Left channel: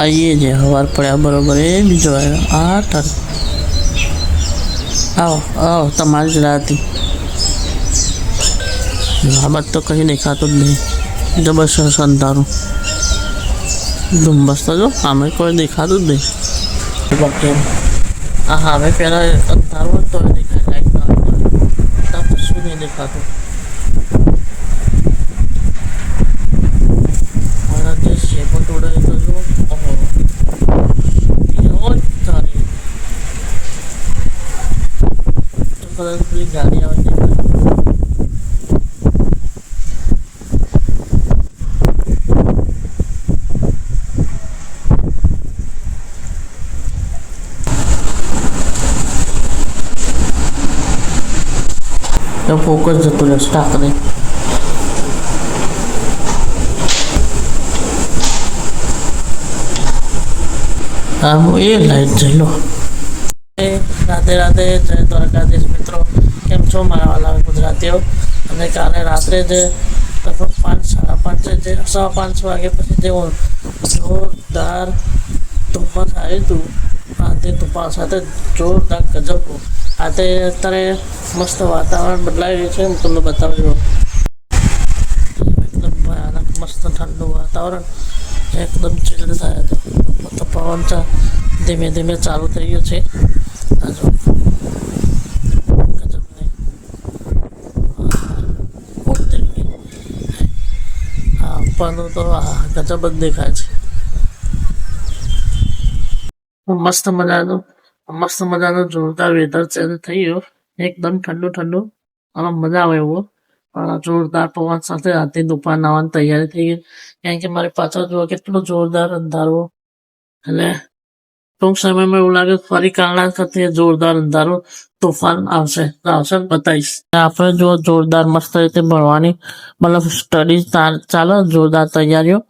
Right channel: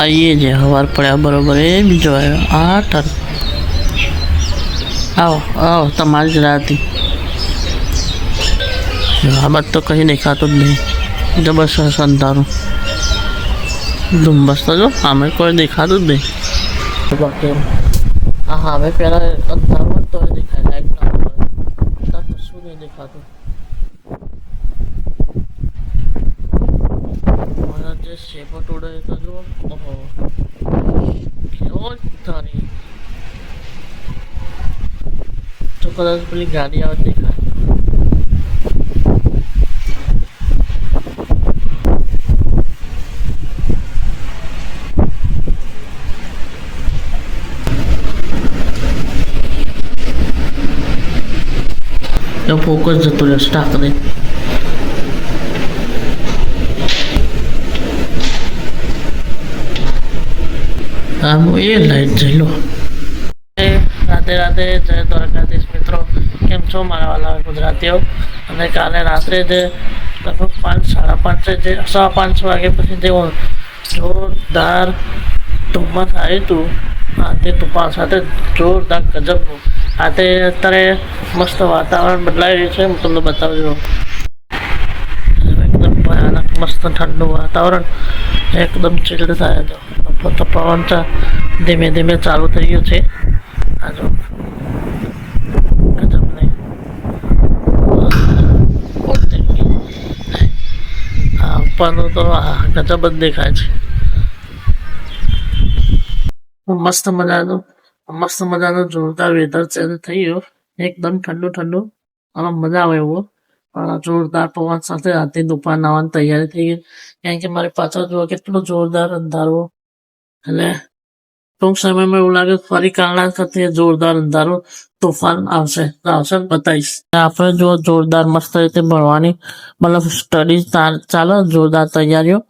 આવીએ છે સવાર પડ્યા બરોબર એ બીજો આવ્યો આ ટન આવો આવો તમારી જ રાતી આ બાદ તો કંઈ દેખાતું જ નહીં જબરદસ્ત અંધારું ધુમ્મસ તો જો આમે કોઈ દેખાતું જ નહીં બાકી હા હવે પહેલાં અંધારું તો દેખાય લાઈટ ના શું નહીં દેખાતું મારા જે શેપટ ઉડે તો જો ઓહો એવો જ તારી તો કદાચ પેલી ગાડી આવે દેખાય તો ફોકસ જતો રહ્યો સ્ટાક દે હા હું એ લાઈટ જઈ લો રાધે રાધે જય દ્વારકાધીશ મિત્રો કેમ છો મારા વાલા ગુજરાતીઓ અને કાલે રાત્રે જે લગભગ 5:30 જે 5:15 વાગે પછી જે જોરદાર ધુમ્મસ આવ્યું હતું તે તુફાન સાથે જોરદાર ગજબનું આજે અત્યારે મસ્ત વાતાવરણ બદલાઈ રહ્યું છે હું તમને બતાવજો એકદમ ભયાનક મસ્ત ઠંડુ વાતાવરણ એકદમ ચીલ્ડ થાય તો પવન ધીમે ધીમે ચાલુ થઈ ગયું છે આ જો ગજબ નહીં હા ઉપરનું તો ગજબ જ દેખાય છે મસ્ત મજાનું જોરદાર વેધર ચેન્જ થઈ ગયો એકદમ ઠંડુ ઠંડુ અને મજા આવે એવો જોરદાર પવન સાથે રાતે દુપાર નાવાની તૈયારી થઈ ગઈ કારણ કે મારી પાછળ જોવા કેટલું જોરદાર અંધારો એટલે ટૂંક સમયમાં એવું લાગે ફરી કાલના સાથે જોરદાર અંધારો તોફાન આવશે બતાવીશ આપણે જો જોરદાર મસ્ત રીતે ભણવાની મતલબ સ્ટડી ચાલે જોરદાર તૈયારીઓ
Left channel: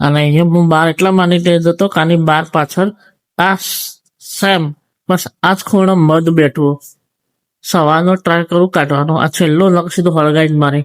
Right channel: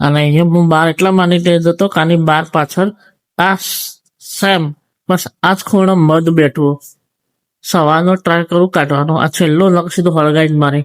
અને અહીંયા હું બહાર એટલા માની લેતો હતો કે આની બહાર પાછળ આ સેમ બસ આ જ ખૂણે મધ બેઠું સવારનો ટ્રાય કરું કાઢવાનો આ છેલ્લો લગ સીધો હળગાઈ જ મારે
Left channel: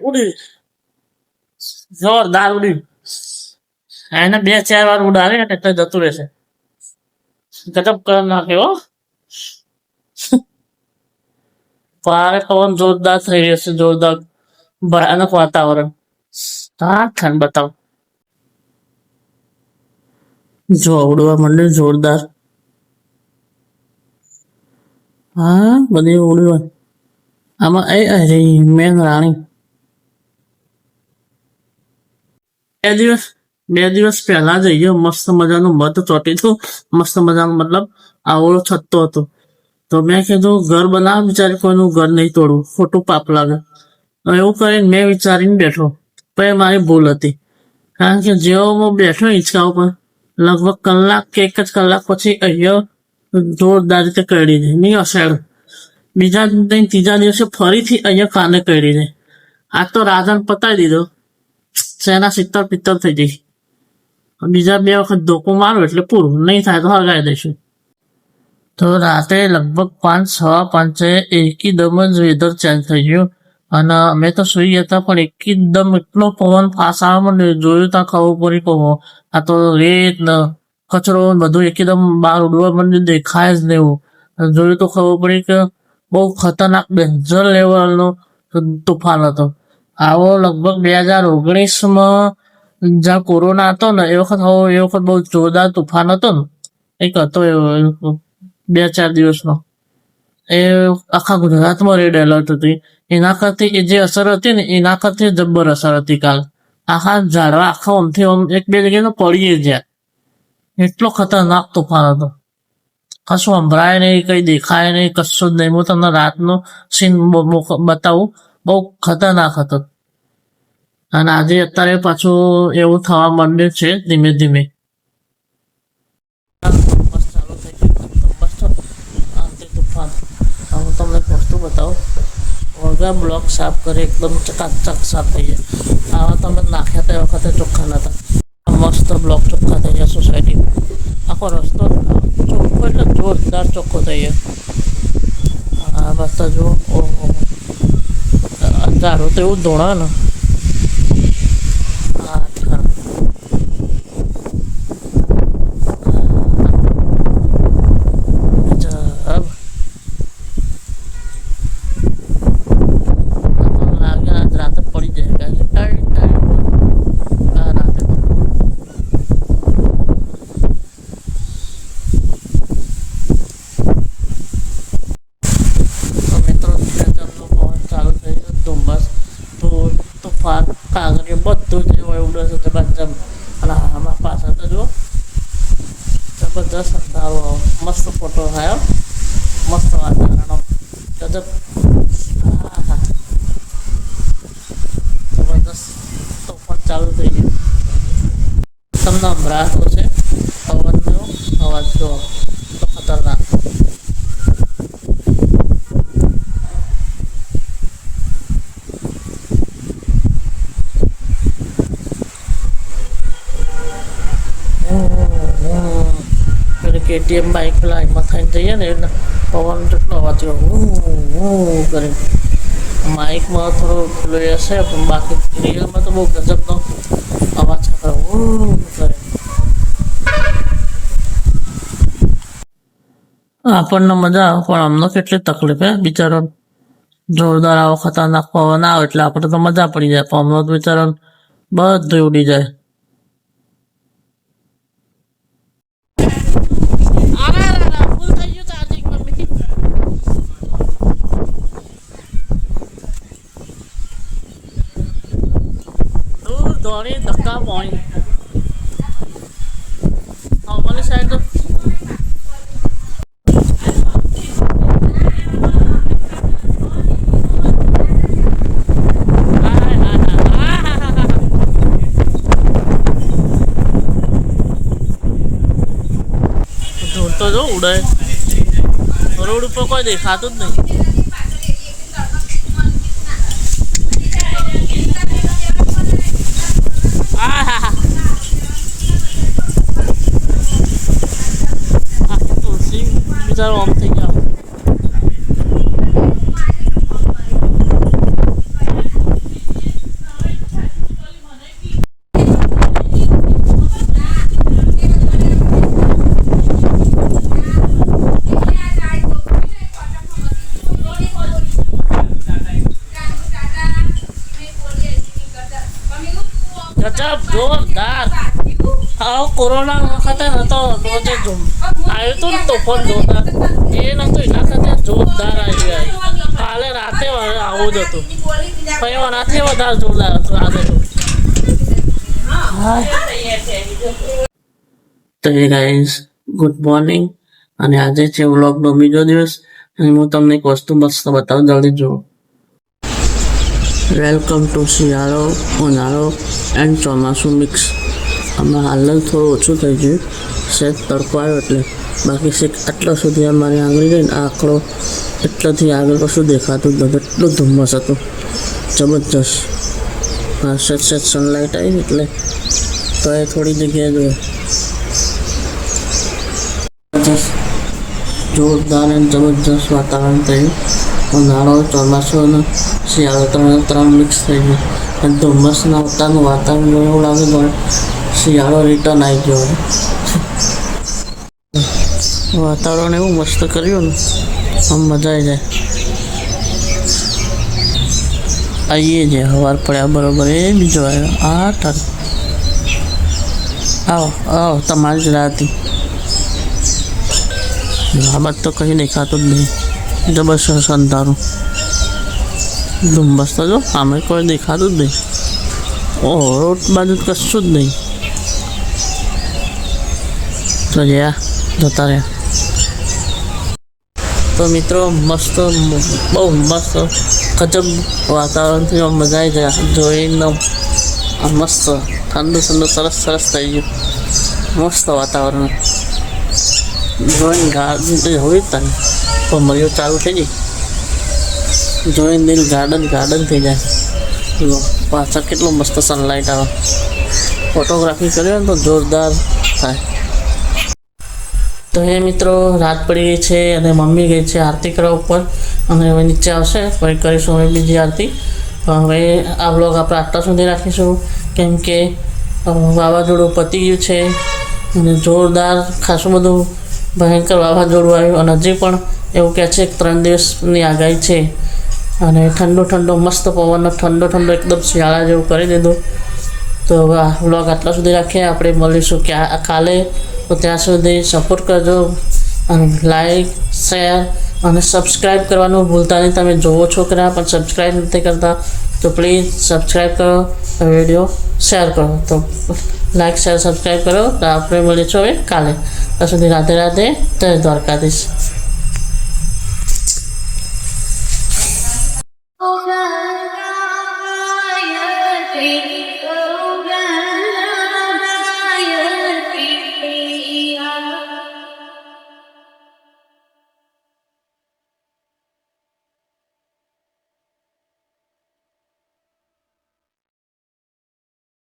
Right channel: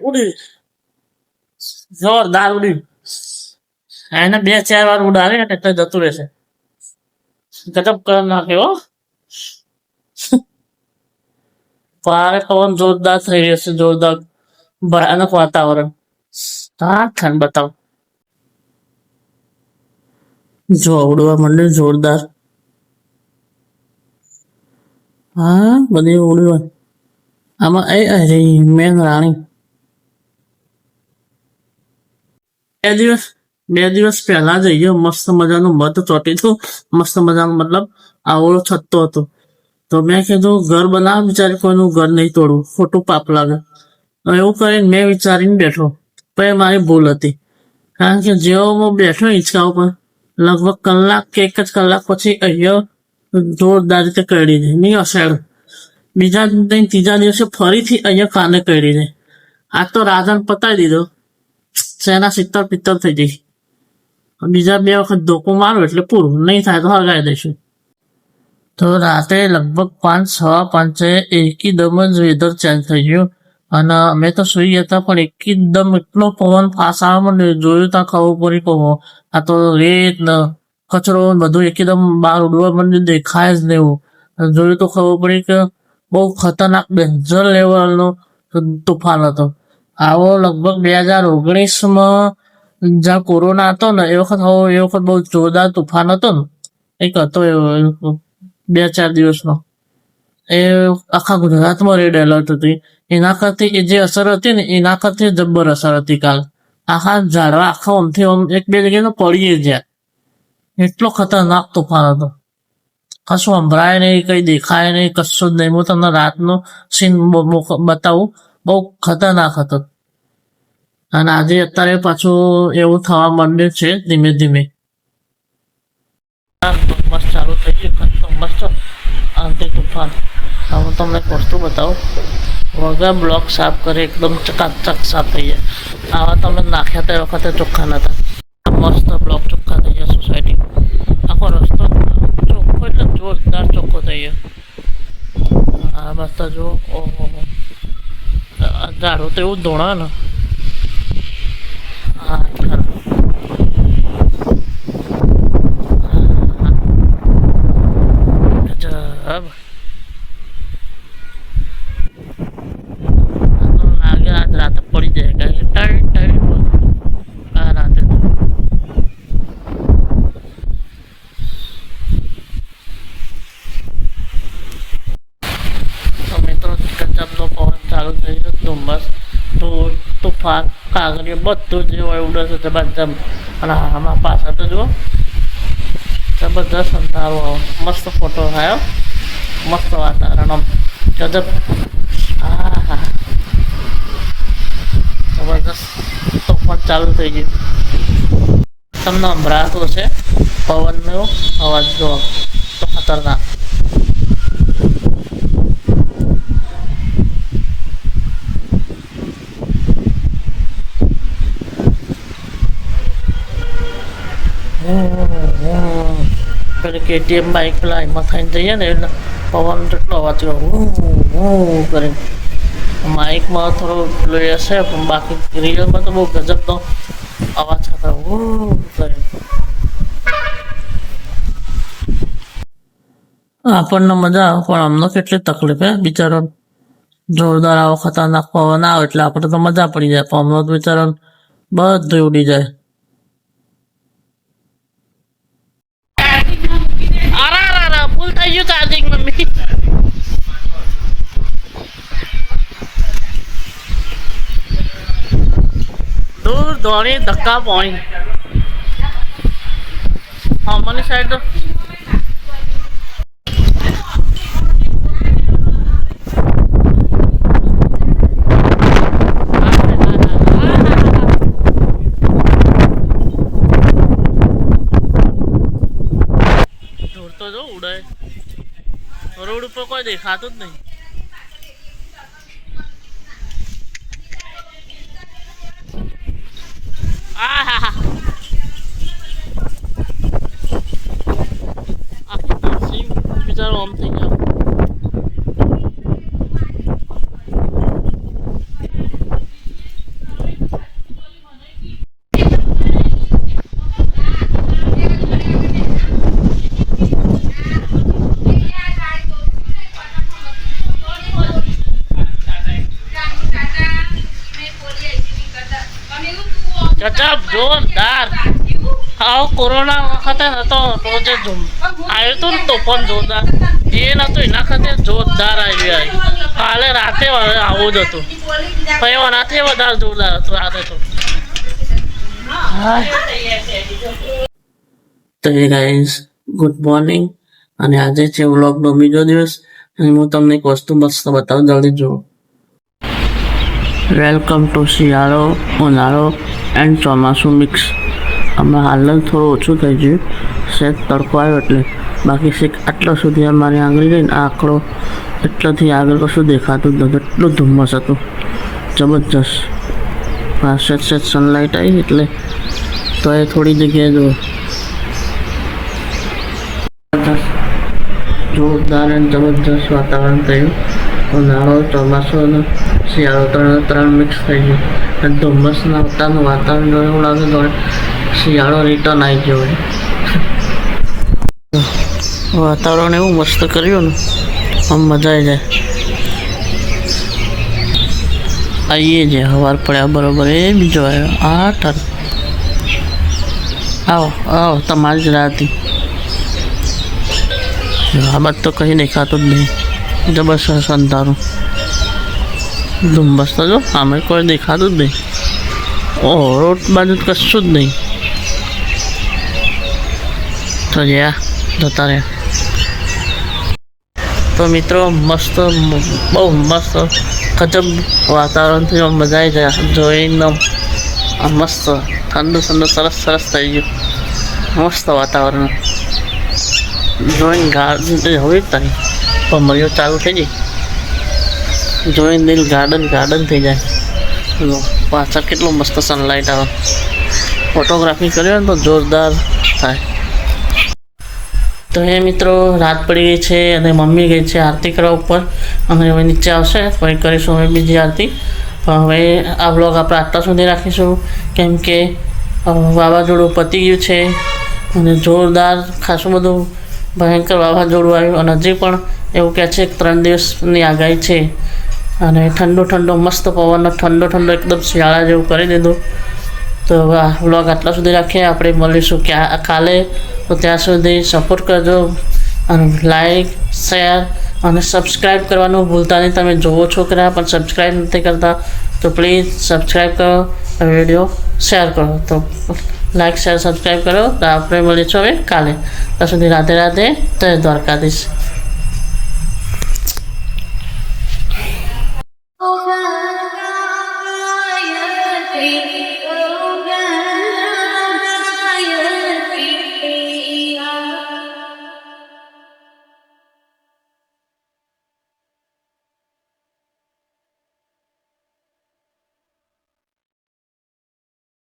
ઉડી જોરદાર ઉડી એને 2-4 વાર ઉડાડે એટલે જતું રહેશે ગજબ કરી નાખ્યો પારે પવન જોરદાર થઈ રહ્યો છે જોરદાર ભયાનક વાતાવરણ હા ઠંડ બતાવ જો ઉડવા માંડે જોરદાર હા બધી ઉડવા આમાં અરે મેન રાણી બે દિવસ પહેલા જઈએ મસ્ત મજાનું મધ ચોટી હતું મસ્ત મજાનું મતલબ આવડો છત્તો હતો તો મેં કીધું ઘર બનાવ વિચારી કોઈનું ઘર નહીં તોડવું ખોટું પાપ લાગે એવું કરીને મેં વિચારીને બેઠો પણ મારી ભૂલ હતી કારણ કે જેવો હું બેઠો હિંચકા ઉપર લગભગ કલાક કે 1 જ કલાક પછી અહીંયા જોરદાર રીતે કરી દે નહીં અસેડ બીજા ત્રીજા દિવસે ફરીથી અહીંયા કાને કરી દે આ તો રાધન પતાવી દીધો સેના 70-75 થઈ જઈ બીજા 2 વખત ધોકો મારો એટલે પૂરું નહીં થાય તો હળગાઈ દઈશું તો રાતે લગભગ 5-5 એકદમ જ વેધર ચેન્જ થઈ ગયું અને અમે તો સુઈ ગયા હતા પણ એકદમ એટલો પવન ફાસ આવે મને જોયું ત્યાં ખબર પડી કહો આ તો રેત ને કચરો બધું એકદમ બહાર ઉડવા મને દેખાય જ નહીં એવું જોયું તો ખબર પડી કે બહુ ખતરનાક ડેન્જર લેવલનો તુફાન હતો આવો લગભગ 2019માં જ્યાં કોરોના હતો ને એ વખત બહુ જોરદાર તુફાન હતો ને એક હતો એવો 2-4 દિવસનો એ આખા ગુજરાતમાં રેડ એલર્ટ હતી એના કરતી એ જે અસર હતી ને એના કરતી જબ્બર અસર હતી કાલ આખા ઝાડવા આખા આમથી આમ 1-2 જગ્યાએ પડીએ જ્યાં એટલો ખતરનાક તુફાન હતો કશું સંભળાય નહીં કઈ દેખાય નહીં કશું જ નહીં હું તમને રાતનો સીન બતાવું બહુ ખતરનાક હતો અને આજે અત્યારે પાછું એવું થવા માંડ્યું છે ધીમે ધીમે ધુમ્મસ ચાલુ થઈ ગયું ધુમ્મસ તો આંતરિક તુફાન હું તમને એક વસ્તુ બતાવું વગર બ્લોક સાફ કરે એકદમ ચકાચક સાફ થઈ જાય. આવા તમે નાખ્યા તે વખતે ચોખ્ખા નતા. આ મસ્ત બ્લોક ચોખ્ખા થઈ જાય સોસાયટીમાં. આખો રસ્તો ચોખ્ખો એટલે જોરદાર ચોખ્ખો થઈ જાય. આ બધા જુઓ, ઓહો ઝાડું તો એવું ધોણા ને. હા ખરા ગજબ. લાગે આજ રાતે પડી જાય કારણ કે ટાઈટ આ રાતે તો મિત્રો ગજબનો પવન ચાલુ થઈ ગયો. ધુમ્મસ, ધૂળ, તુફાન, કાગળિયો બધું જે હોય ઉડે છે જબરજસ્ત. અને આમાં પાછળ તો જુઓ જબરદસ્ત અંધારો આવો. મસ્ત ફોટો આવ્યો, મસ્ત વાતાવરણ આમ ગજબ. હા હા જબરદસ્ત તોફાન ચાલુ થઈ ગયું. તમને સંભળાતો છે પવનનો અવાજ જો તો ખતરનાક. પેલી KTM બાઇક પેલા એમાં થઈને જઈએ ને એટલે પવન જેટલો અવાજ કરે. માઇકમાં થોડો પેલો હશે પણ બાકી રિયલમાં તો બહુ ગજબનો અવાજ કરે કરે. આપણને મજા આવે પણ અમને કેટલી તકલીફ હે બિચારો. જોરદાર આવો ખતરનાક પવન આવે એટલે આપણે તો મજા પડી જાય પણ અમને તો બિચારો બધું ઉડી જાય. ફૂલ થઈ ગયું ચાર્જિંગ મમ્મી. દૂર દોડી ધક્કા પાણી. અમારી સાઈડ તો ધૂળ તો જો ઉડે. રોડ ઉપર કોઈ દેખાતું જ નહીં. આખી તુલસી બિચારો આમ થઈ ગયા. ગજબ જોરદાર. આવો કોરોના વખતે હતો તો જે આવ્યું હતું ને તોફાન જોરદાર એ નતું. એના ખાતે જોરદાર આવી જાય. કાલે રાતે આવું જ હતું પણ એનાથી વધારે જોરદાર હતું રાતે તો. તો એ ગાઈઝ ગુડ મોર્નિંગ. અને આજે છે વ્લોગનો બીજો દિવસ અને હું તમને એક વસ્તુ મસ્ત બતાવું. જલ્દી જુઓ. વેલકમ ટુ શિયાળો, ઉનાળો એન્ડ ચોમાસું મિક્સ. હમણાં હાલ જ થોડું ઓછું થઈ ગયું, સહેજ તડકો આવ્યો એટલે. બાકી શેક આટલા સુધી અમારી આંગળી ગઈ ને આ આંકડો એટલાથી આગળ કશું દેખાતું જ નતું. એટલું ધુમ્મસ હતું જબરજસ્ત. સહેજ સહેજ સનલાઇટ આવી એટલે તો એ થોડી જગ્યાએ જુઓ જબરજસ્ત જોરદાર અને જબરજસ્ત વાતાવરણ થયું. ઉનાળો, ચોમાસું અને શિયાળો ત્રણ મિક્સ થઈ ગયું. અને ધુમ્મસના ઉતારનું વાતાવરણ જોઈને એવું લાગે તો શિયાળો રિટર્ન આવી ગયો હોય. વાતાવરણ એવું મસ્ત કર્યું ને આમ મજા આવી જાય. આવીએ છે સવાર પડ્યા બરોબર. એ બીજો આવ્યો આ તાર. આવો આવો તમારી જ રાતી. આ બાદ તો કંઈ દેખાતું જ નહીં. જબરજસ્ત અંધારું ધુમ્મસ તો જો આમે કોઈ દેખાતું જ નહીં. ઓહો રોડ બાજુ કશું જ નહીં. તો જ્યાં જતા રહ્યા. તો મિત્રો મસ્ત બહુ મસ્ત ગજબ વાતાવરણ થયું. મજા આવી જાય જોઈને. મસ્ત ઠંડુ ઠંડુ સરસ સરસ થઈ ગયું. મસ્ત વાતાવરણ જોઈને ગાડી હવે જ તારી ભમરીઓ ચાલુ થઈ ગઈ. જોઈને દિલ ગાર્ડન થઈ જાય. લો પાછળ કેટલું મસ્ત સનલાઇટ આવે. ફોટોગ્રાફી કર્યો ને તો જોરદાર થાય. તો એ મિત્રો રાત પડી ગઈ છે અને મમ્મી ગઈ છે આરતી કરવા ઉપર, અને હવે નીચે આવશે પછી કરીશું હવે બીજી આરતી. હવે આ બ્લોગ આપણે આટલા સુધી રાખીશું, કેમ કે વાવાઝોડું પતી ગયું છે અને જોરદાર ખાસું બધું ભયંકર વાવાઝોડું આવ્યું, અને હજી પણ એવું કહે છે 3 દિવસની આગાહી છે. અને ઠંડો મસ્ત પવનનો ઠંડો એકદમ શિયાળા જેવું કરી દીધું. તો હવે આ વ્લોગ આટલા સુધી રાખીએ. આપણે મળીશું કાલે. તો ત્યાં સુધી સપોર્ટ કરજો અને લાઈક, શેર અને સબસ્ક્રાઈબ કરવાનું ભૂલતા નહીં. તમે જોવો છો કે ના પણ સબસ્ક્રાઈબ નથી કરતા, તો પ્લીઝ સબસ્ક્રાઈબ કરો, વિડીયો શેર કરો. તો લાઈક, શેર, સબસ્ક્રાઈબ કરો. તો આપણે મળીશું હવે કાલે. ત્યાં સુધી રાધે રાધે, જય દ્વારકાધીશ.